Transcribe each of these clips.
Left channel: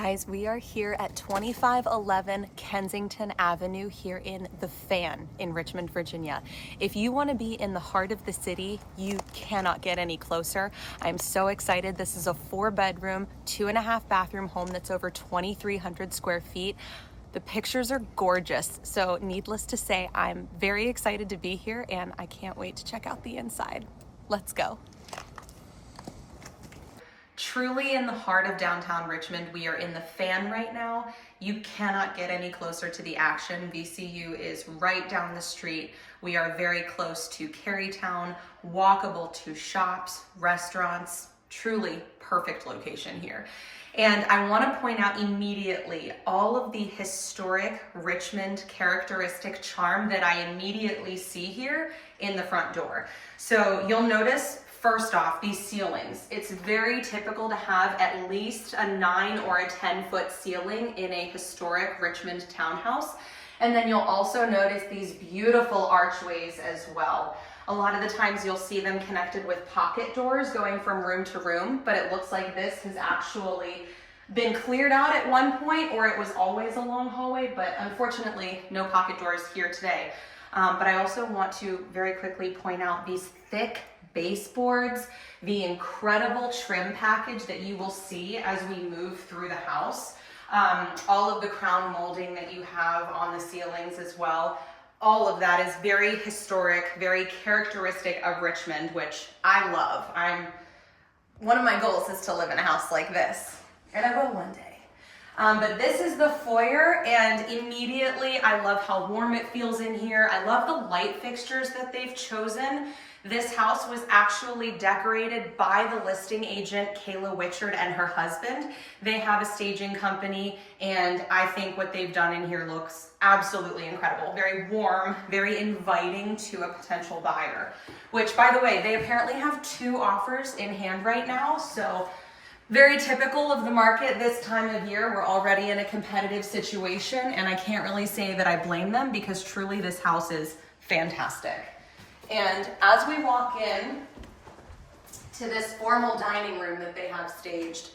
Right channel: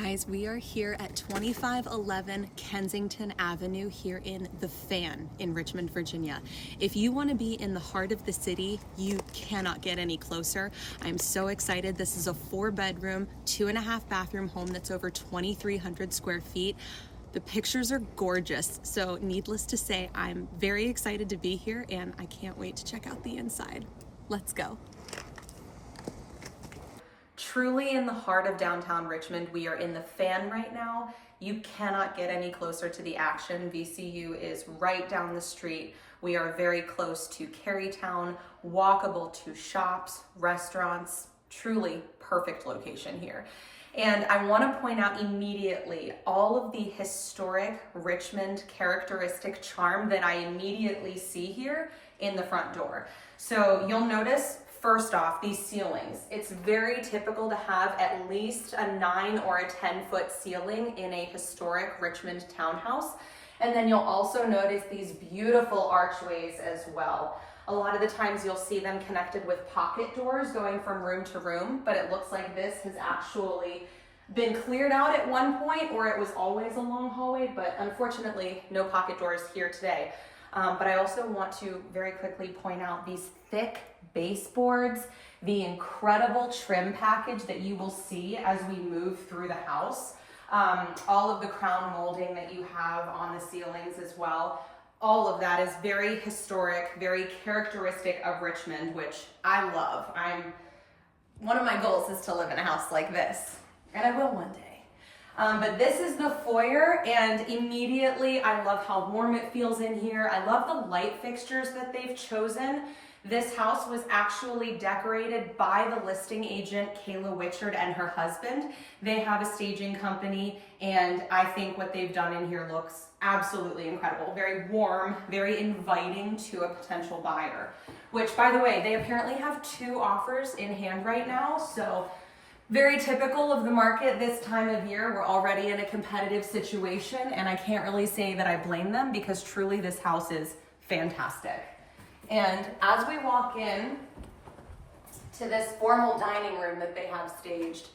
Guys, we are here at 2511 Kensington Avenue here in The Fan in Richmond, Virginia. If you want to be in the heart of the city, you cannot get any closer. I'm so excited. This is a 4-bedroom, 2.5 bathroom home that's over 2,300 square feet. The pictures are gorgeous, so needless to say, I'm very excited to be here and I can't wait to check out the inside. Let's go. Truly in the heart of downtown Richmond, we are in The Fan right now. You cannot get any closer to the action. VCU is right down the street. We are very close to Carytown, walkable to shops, restaurants, truly perfect location here. And I want to point out immediately all of the historic Richmond characteristic charm that I immediately see here in the front door. So you'll notice, first off, these ceilings. It's very typical to have at least a 9 or a 10-foot ceiling in a historic Richmond townhouse. And then you'll also notice these beautiful archways as well. A lot of the times you'll see them connected with pocket doors going from room to room, but it looks like this has actually been cleared out at one point, or it was always a long hallway, but unfortunately no pocket doors here today. But I also want to very quickly point out these thick baseboards, the incredible trim package that you will see as we move through the house, all of the crown molding that you have on the ceilings as well. All of that is very historic, very characteristic of Richmond, which I love. One of my goals is to live in a house like this, and I will one day. But this is the foyer, and immediately I love how warm it feels in here. I love the light fixtures that they've chosen. This house was actually decorated by the listing agent, Kayla Whichard, and her husband. They have a staging company, and I think what they've done in here looks absolutely incredible. Very warm, very inviting to a potential buyer, which, by the way, they apparently have 2 offers in hand right now, so very typical of the market this time of year. We're already in a competitive situation, and I can't really say that I blame them because truly this house is fantastic. And as we walk in to this formal dining room that they have staged,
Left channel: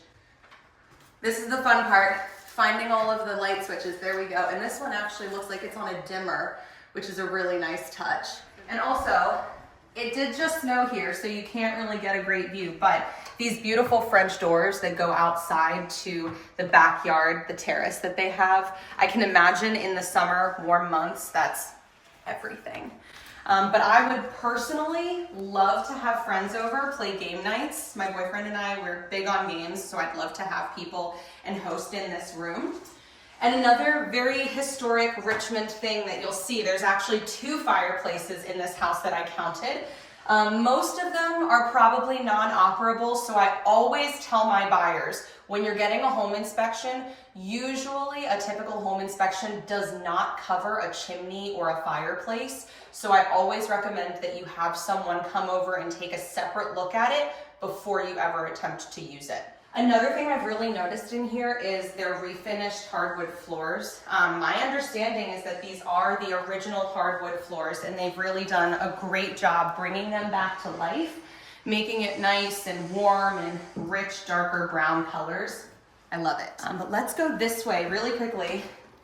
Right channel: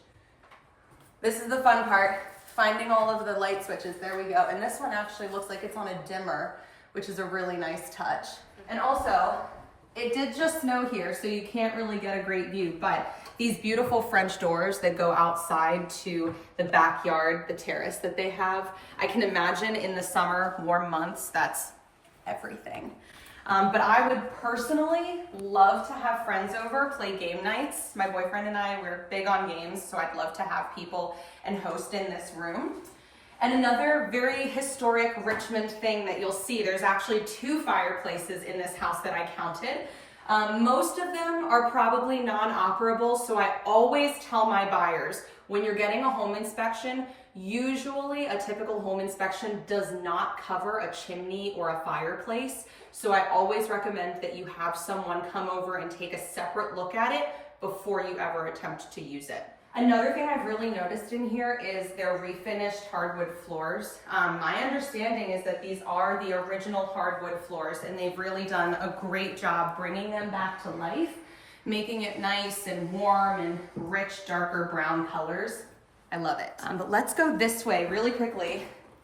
this is the fun part, finding all of the light switches. There we go. And this one actually looks like it's on a dimmer, which is a really nice touch. And also, it did just snow here, so you can't really get a great view, but these beautiful French doors that go outside to the backyard, the terrace that they have, I can imagine in the summer, warm months, that's everything. But I would personally love to have friends over, play game nights. My boyfriend and I, we're big on games, so I'd love to have people and host in this room. And another very historic Richmond thing that you'll see, there's actually 2 fireplaces in this house that I counted. Most of them are probably non-operable, so I always tell my buyers, when you're getting a home inspection, usually a typical home inspection does not cover a chimney or a fireplace. So I always recommend that you have someone come over and take a separate look at it before you ever attempt to use it. Another thing I've really noticed in here is their refinished hardwood floors. My understanding is that these are the original hardwood floors, and they've really done a great job bringing them back to life, making it nice and warm and rich, darker brown colors. I love it. But let's go this way really quickly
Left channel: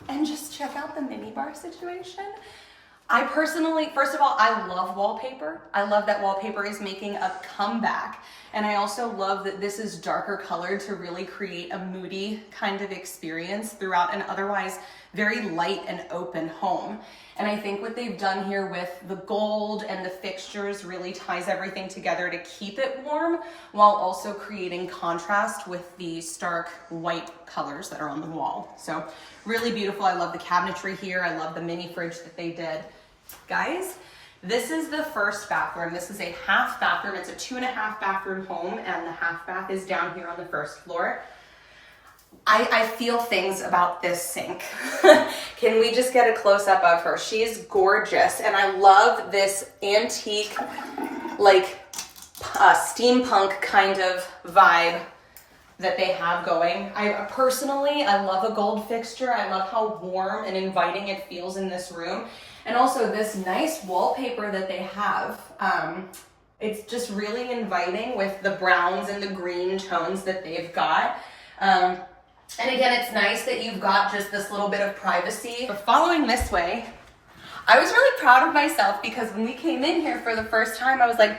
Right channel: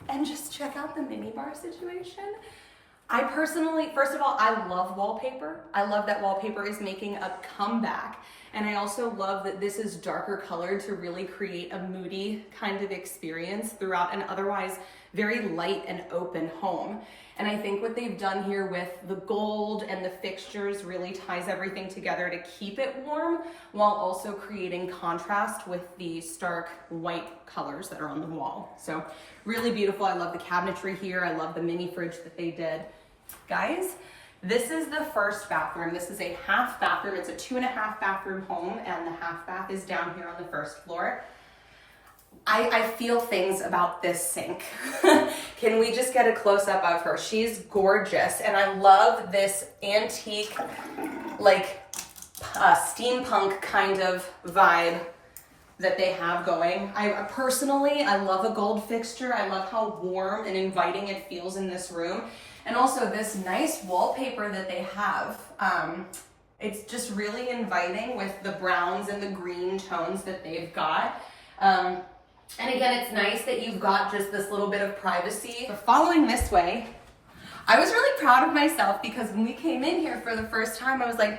and just check out the minibar situation. I personally, first of all, I love wallpaper. I love that wallpaper is making a comeback. And I also love that this is darker colored to really create a moody kind of experience throughout an otherwise very light and open home. And I think what they've done here with the gold and the fixtures really ties everything together to keep it warm while also creating contrast with the stark white colors that are on the wall. So really beautiful. I love the cabinetry here. I love the mini fridge that they did. Guys, this is the first bathroom. This is a half bathroom. It's a 2.5 bathroom home, and the half bath is down here on the first floor. I feel things about this sink. Can we just get a close-up of her? She is gorgeous, and I love this antique, like steampunk kind of vibe that they have going. Personally, I love a gold fixture. I love how warm and inviting it feels in this room. And also this nice wallpaper that they have. It's just really inviting with the browns and the green tones that they've got. And again, it's nice that you've got just this little bit of privacy. But following this way, I was really proud of myself because when we came in here for the first time, I was like,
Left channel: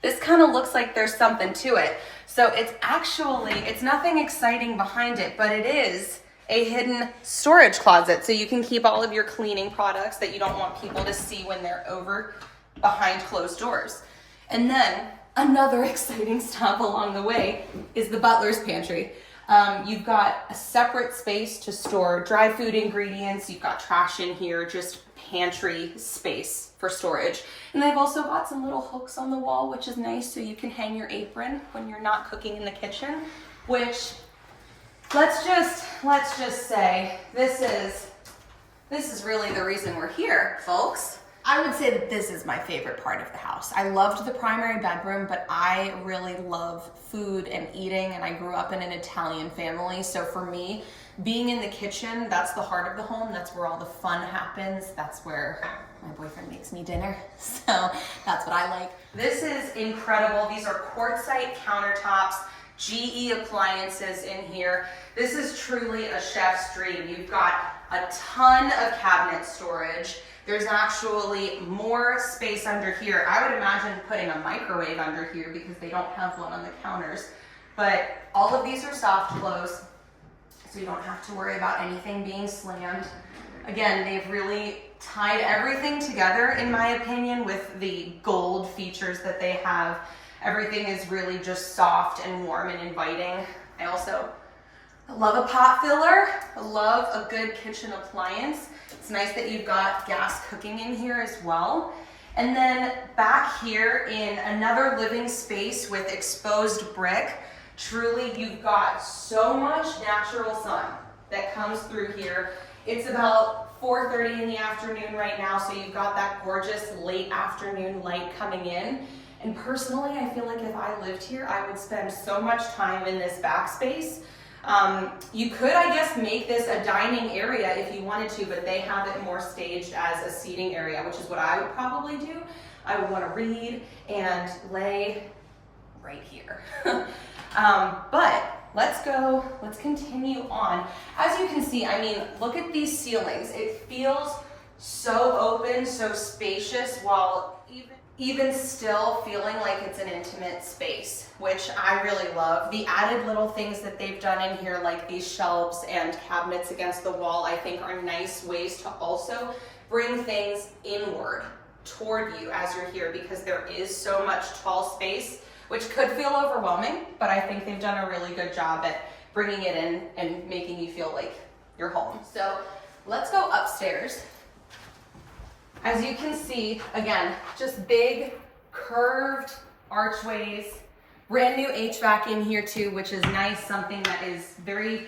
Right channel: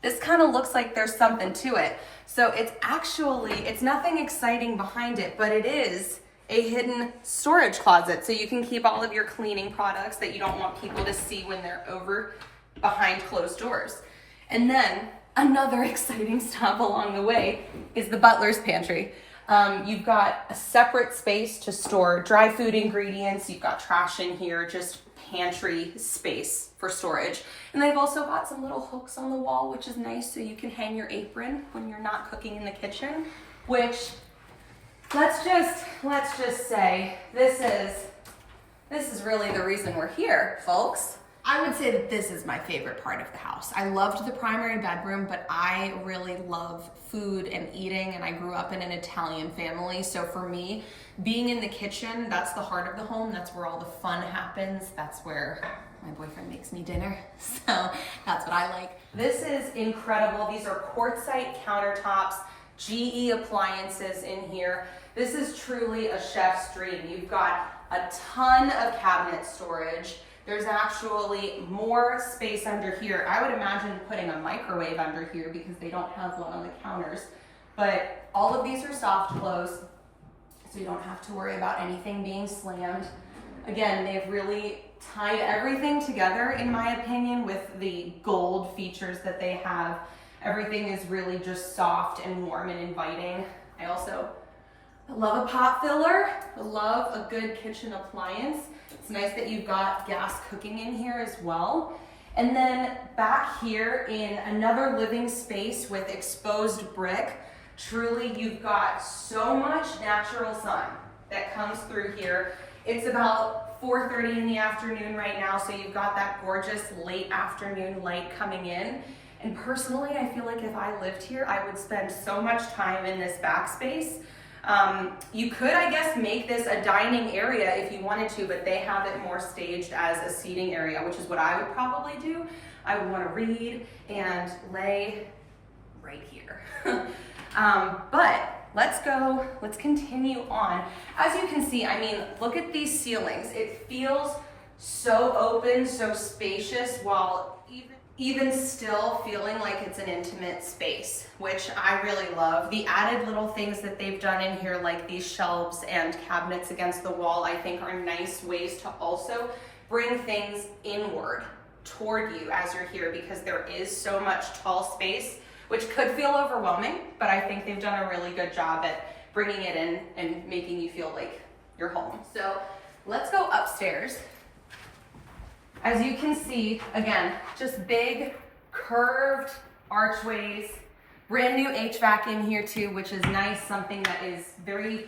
this kind of looks like there's something to it. So it's nothing exciting behind it, but it is a hidden storage closet. So you can keep all of your cleaning products that you don't want people to see when they're over behind closed doors. And then another exciting stop along the way is the butler's pantry. You've got a separate space to store dry food ingredients. You've got trash in here, just pantry space for storage. And they've also got some little hooks on the wall, which is nice, so you can hang your apron when you're not cooking in the kitchen, which let's just say this is really the reason we're here, folks. I would say that this is my favorite part of the house. I loved the primary bedroom, but I really love food and eating, and I grew up in an Italian family. So for me, being in the kitchen, that's the heart of the home. That's where all the fun happens. That's where my boyfriend makes me dinner. So that's what I like. This is incredible. These are quartzite countertops, GE appliances in here. This is truly a chef's dream. You've got a ton of cabinet storage. There's actually more space under here. I would imagine putting a microwave under here because they don't have one on the counters. But all of these are soft close, so you don't have to worry about anything being slammed. Again, they've really tied everything together, in my opinion, with the gold features that they have. Everything is really just soft and warm and inviting. I love a pot filler. I love a good kitchen appliance. It's nice that you've got gas cooking in here as well. And then back here in another living space with exposed brick, truly you've got so much natural sun that comes through here. It's about 4:30 in the afternoon right now, so you've got that gorgeous late afternoon light coming in. And personally, I feel like if I lived here, I would spend so much time in this back space. You could, I guess, make this a dining area if you wanted to, but they have it more staged as a seating area, which is what I would probably do. I would want to read and lay right here. But let's continue on. As you can see, I mean, look at these ceilings. It feels so open, so spacious, while even still feeling like it's an intimate space, which I really love. The added little things that they've done in here, like these shelves and cabinets against the wall, I think are nice ways to also bring things inward toward you as you're here, because there is so much tall space, which could feel overwhelming, but I think they've done a really good job at bringing it in and making you feel like you're home. So let's go upstairs. As you can see, again, just big curved archways, brand new HVAC in here too, which is nice, something that is very,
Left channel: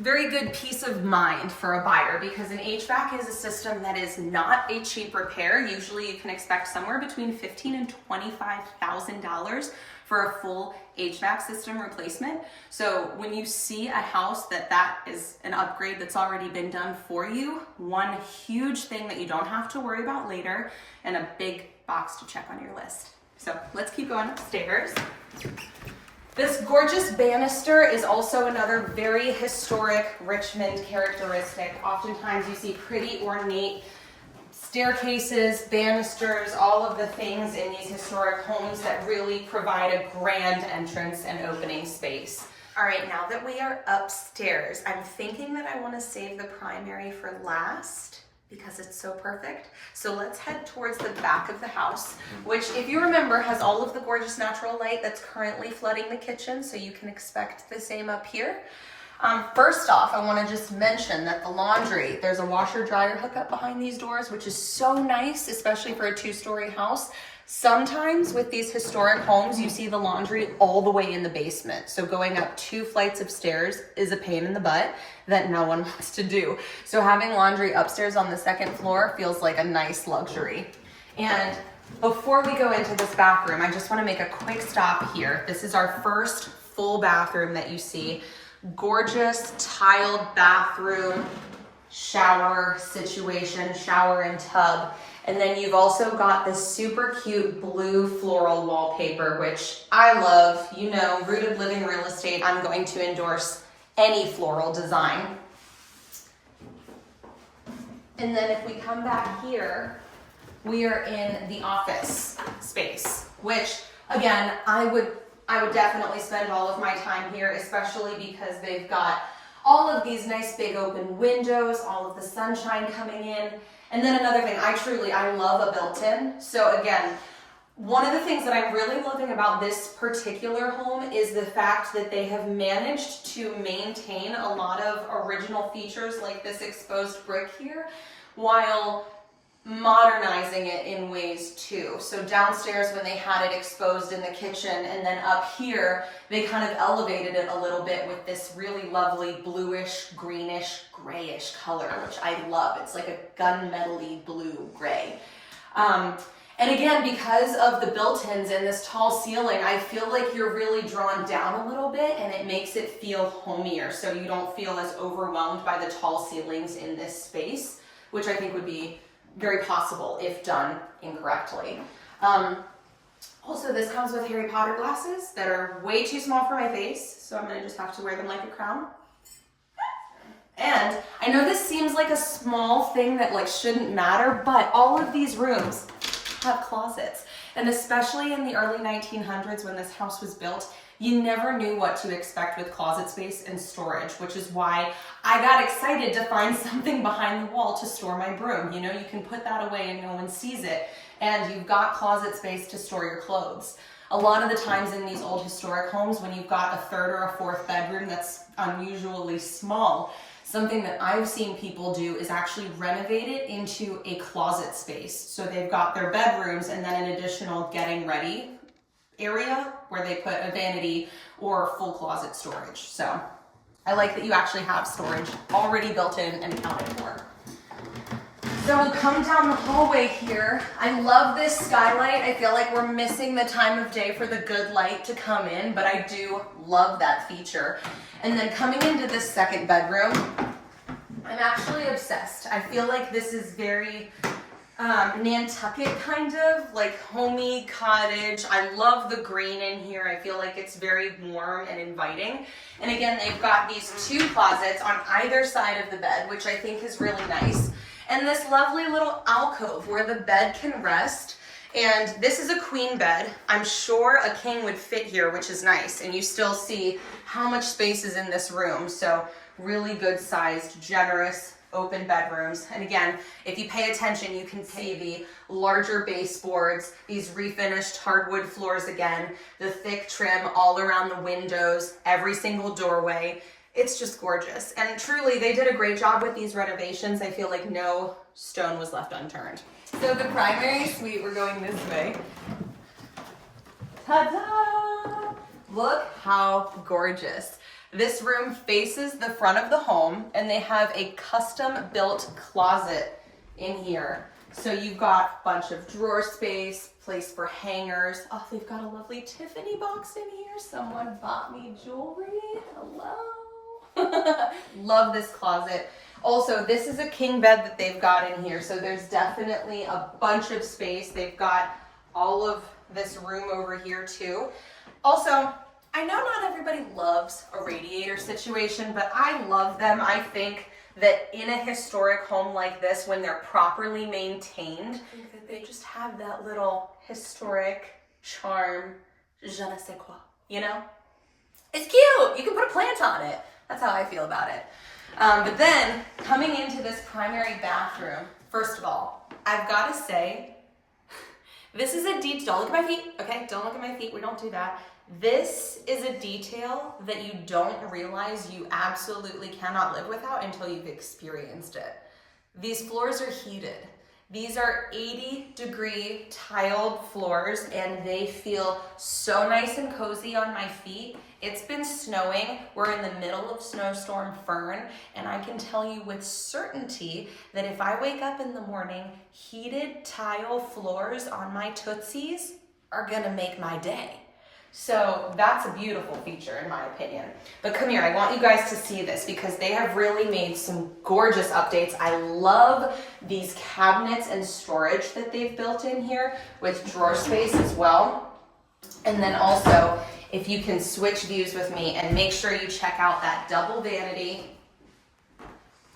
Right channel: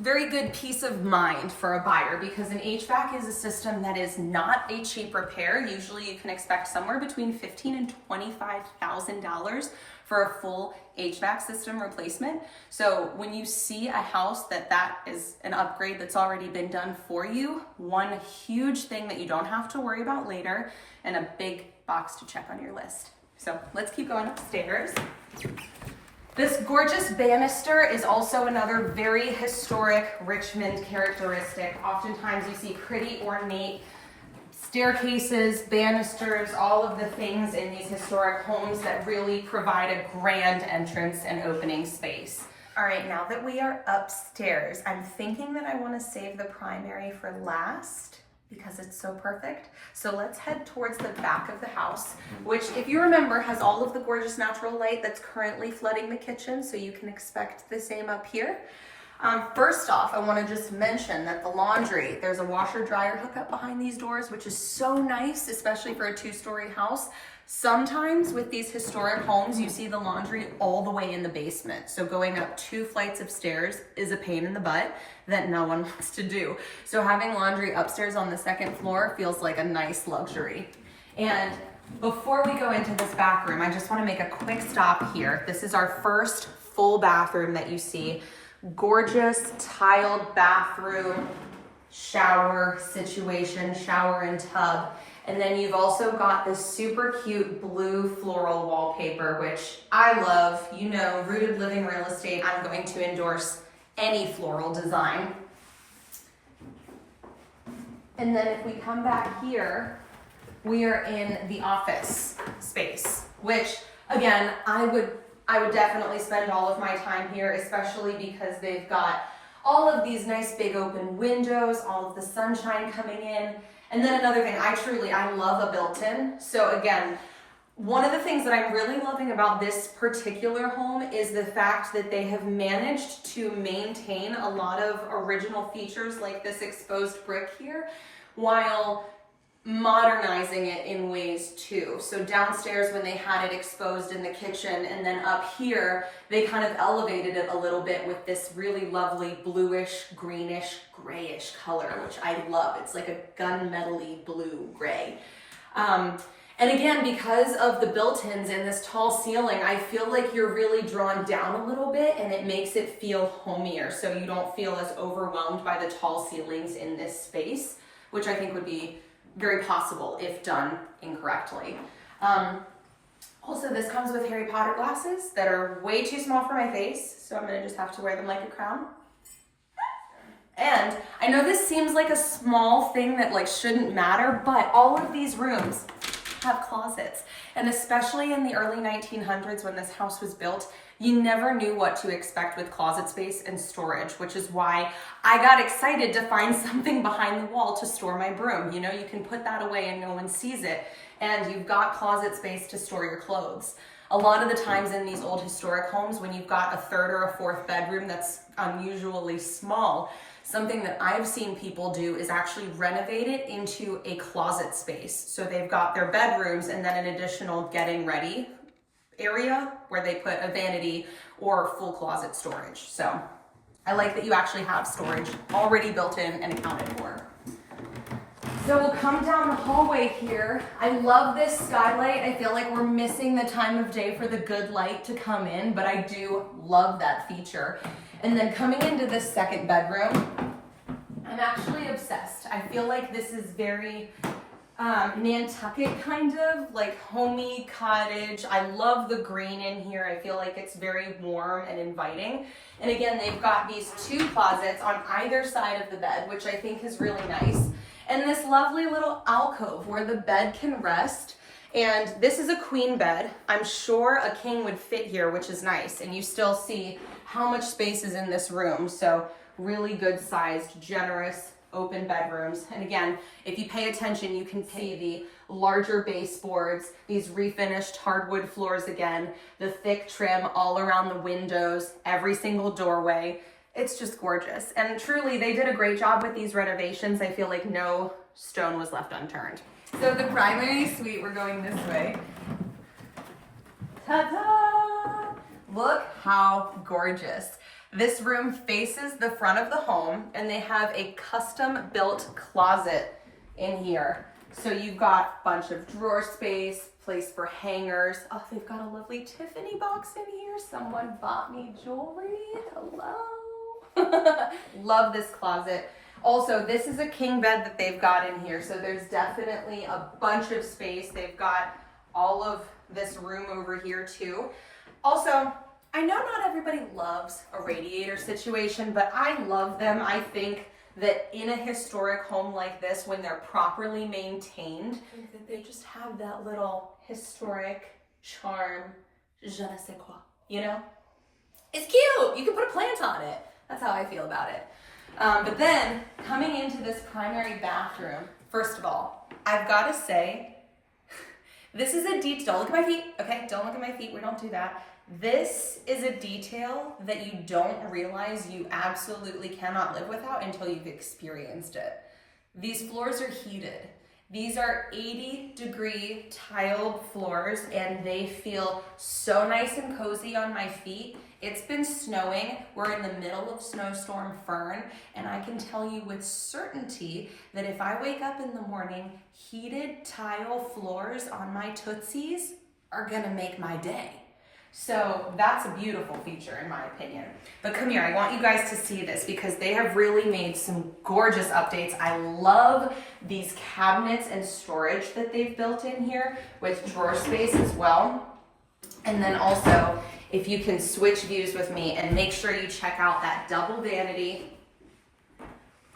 very good peace of mind for a buyer, because an HVAC is a system that is not a cheap repair. Usually you can expect somewhere between $15,000 and $25,000 for a full HVAC system replacement. So when you see a house that is an upgrade that's already been done for you, one huge thing that you don't have to worry about later, and a big box to check on your list. So let's keep going upstairs. This gorgeous banister is also another very historic Richmond characteristic. Oftentimes you see pretty ornate staircases, banisters, all of the things in these historic homes that really provide a grand entrance and opening space. All right, now that we are upstairs, I'm thinking that I want to save the primary for last because it's so perfect. So let's head towards the back of the house, which, if you remember, has all of the gorgeous natural light that's currently flooding the kitchen, so you can expect the same up here. First off, I want to just mention that the laundry, there's a washer dryer hookup behind these doors, which is so nice, especially for a 2-story house. Sometimes with these historic homes, you see the laundry all the way in the basement. So going up 2 flights of stairs is a pain in the butt that no one wants to do. So having laundry upstairs on the 2nd floor feels like a nice luxury. And before we go into this back room, I just want to make a quick stop here. This is our first full bathroom that you see. Gorgeous tiled bathroom, shower situation, shower and tub. And then you've also got this super cute blue floral wallpaper, which I love. You know, Rooted Living Real Estate, I'm going to endorse any floral design. And then if we come back here, we are in the office space, which again, I would definitely spend all of my time here, especially because they've got all of these nice big open windows, all of the sunshine coming in. And then another thing, I love a built-in. So again, one of the things that I'm really loving about this particular home is the fact that they have managed to maintain a lot of original features like this exposed brick here, while modernizing it in ways too. So downstairs when they had it exposed in the kitchen, and then up here they kind of elevated it a little bit with this really lovely bluish, greenish, grayish color, which I love. It's like a gunmetal-y blue gray. And again, because of the built-ins and this tall ceiling, I feel like you're really drawn down a little bit, and it makes it feel homier, so you don't feel as overwhelmed by the tall ceilings in this space, which I think would be very possible if done incorrectly. Also, this comes with Harry Potter glasses that are way too small for my face, so I'm gonna just have to wear them like a crown. And I know this seems like a small thing that like shouldn't matter, but all of these rooms have closets. And especially in the early 1900s when this house was built, you never knew what to expect with closet space and storage, which is why I got excited to find something behind the wall to store my broom. You know, you can put that away and no one sees it, and you've got closet space to store your clothes. A lot of the times in these old historic homes, when you've got a third or a fourth bedroom that's unusually small, something that I've seen people do is actually renovate it into a closet space. So they've got their bedrooms and then an additional getting ready area where they put a vanity or full closet storage. So I like that you actually have storage already built in and accounted for. So we'll come down the hallway here. I love this skylight. I feel like we're missing the time of day for the good light to come in, but I do love that feature. And then coming into this second bedroom, I'm actually obsessed. I feel like this is very Nantucket kind of, like homey cottage. I love the green in here. I feel like it's very warm and inviting. And again, they've got these two closets on either side of the bed, which I think is really nice. And this lovely little alcove where the bed can rest. And this is a queen bed. I'm sure a king would fit here, which is nice. And you still see how much space is in this room. So really good sized, generous, open bedrooms. And again, if you pay attention, you can see the larger baseboards, these refinished hardwood floors again, the thick trim all around the windows, every single doorway. It's just gorgeous. And truly, they did a great job with these renovations. I feel like no stone was left unturned. So the primary suite, we're going this way. Ta-da! Look how gorgeous. This room faces the front of the home, and they have a custom built closet in here. So you've got a bunch of drawer space, place for hangers. Oh, they've got a lovely Tiffany box in here. Someone bought me jewelry. Hello. Love this closet. Also, this is a king bed that they've got in here, so there's definitely a bunch of space. They've got all of this room over here too. Also, I know not everybody loves a radiator situation, but I love them. I think that in a historic home like this, when they're properly maintained, I think that they just have that little historic charm, je ne sais quoi, you know? It's cute. You can put a plant on it. That's how I feel about it. But then, coming into this primary bathroom, first of all, I've got to say, this is a detail. Don't look at my feet, okay? Don't look at my feet. We don't do that. This is a detail that you don't realize you absolutely cannot live without until you've experienced it. These floors are heated. These are 80-degree tiled floors, and they feel so nice and cozy on my feet. It's been snowing. We're in the middle of snowstorm Fern, and I can tell you with certainty that if I wake up in the morning, heated tile floors on my tootsies are gonna make my day. So that's a beautiful feature in my opinion. But come here, I want you guys to see this because they have really made some gorgeous updates. I love these cabinets and storage that they've built in here with drawer space as well. And then also, if you can switch views with me and make sure you check out that double vanity.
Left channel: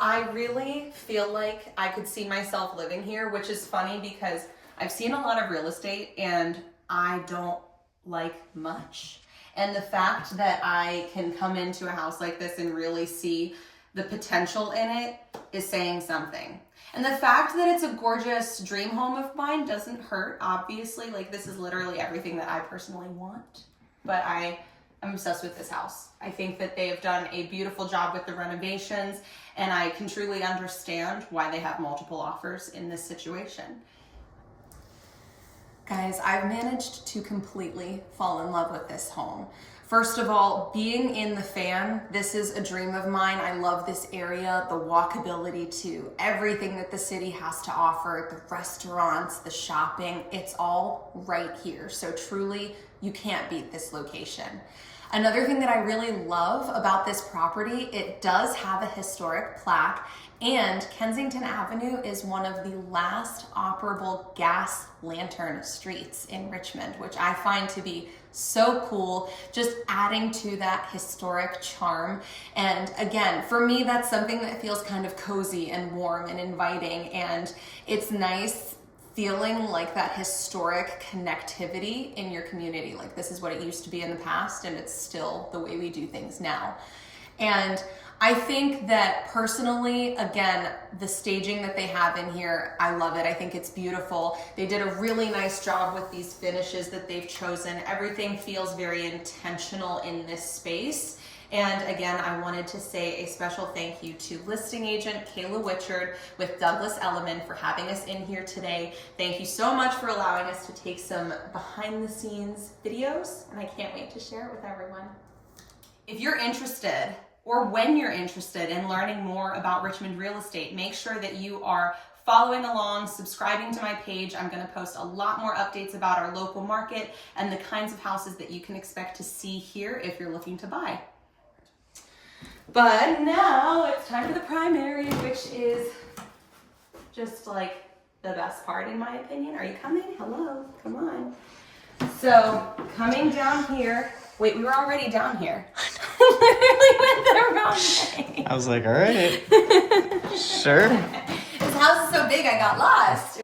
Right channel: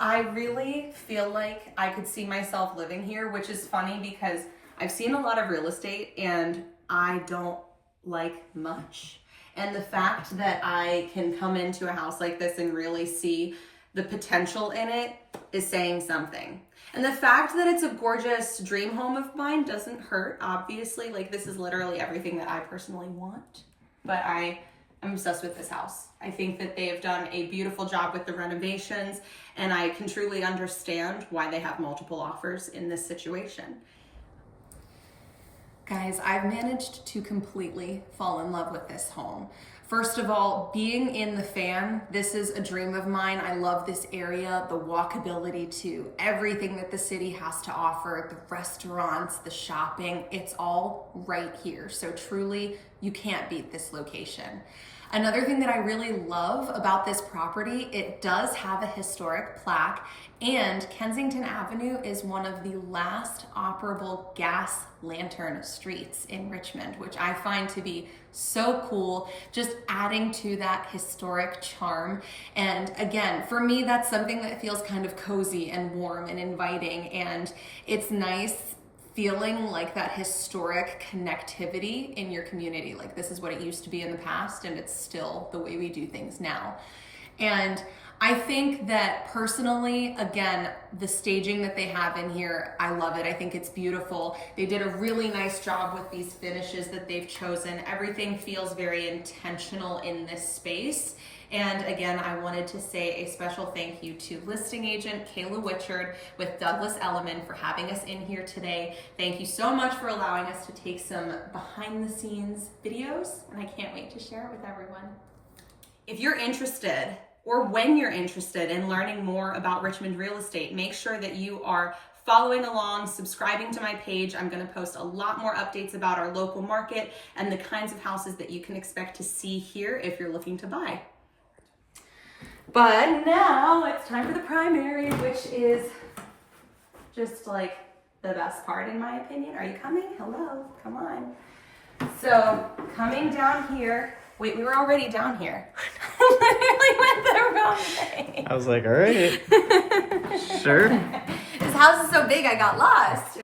I really feel like I could see myself living here, which is funny because I've seen a lot of real estate and I don't like much. And the fact that I can come into a house like this and really see the potential in it is saying something. And the fact that it's a gorgeous dream home of mine doesn't hurt, obviously. Like, this is literally everything that I personally want. But I'm obsessed with this house. I think that they have done a beautiful job with the renovations, and I can truly understand why they have multiple offers in this situation. Guys, I've managed to completely fall in love with this home. First of all, being in the Fan, this is a dream of mine. I love this area, the walkability to everything that the city has to offer, the restaurants, the shopping, it's all right here. So truly, you can't beat this location. Another thing that I really love about this property, it does have a historic plaque, and Kensington Avenue is one of the last operable gas lantern streets in Richmond, which I find to be so cool, just adding to that historic charm. And again, for me, that's something that feels kind of cozy and warm and inviting, and it's nice feeling like that historic connectivity in your community. Like, this is what it used to be in the past, and it's still the way we do things now. And I think that personally, again, the staging that they have in here, I love it. I think it's beautiful. They did a really nice job with these finishes that they've chosen. Everything feels very intentional in this space. And again, I wanted to say a special thank you to listing agent Kayla Whichard with Douglas Elliman for having us in here today. Thank you so much for allowing us to take some behind the scenes videos, and I can't wait to share it with everyone. If you're interested, or when you're interested in learning more about Richmond real estate, make sure that you are following along, subscribing to my page. I'm gonna post a lot more updates about our local market and the kinds of houses that you can expect to see here if you're looking to buy. But now it's time for the primary, which is just like the best part in my opinion. Are you coming? Hello, come on. So coming down here, wait, we were already down here. Literally went the wrong way. I was like, all right, sure. This house is so big, I got lost.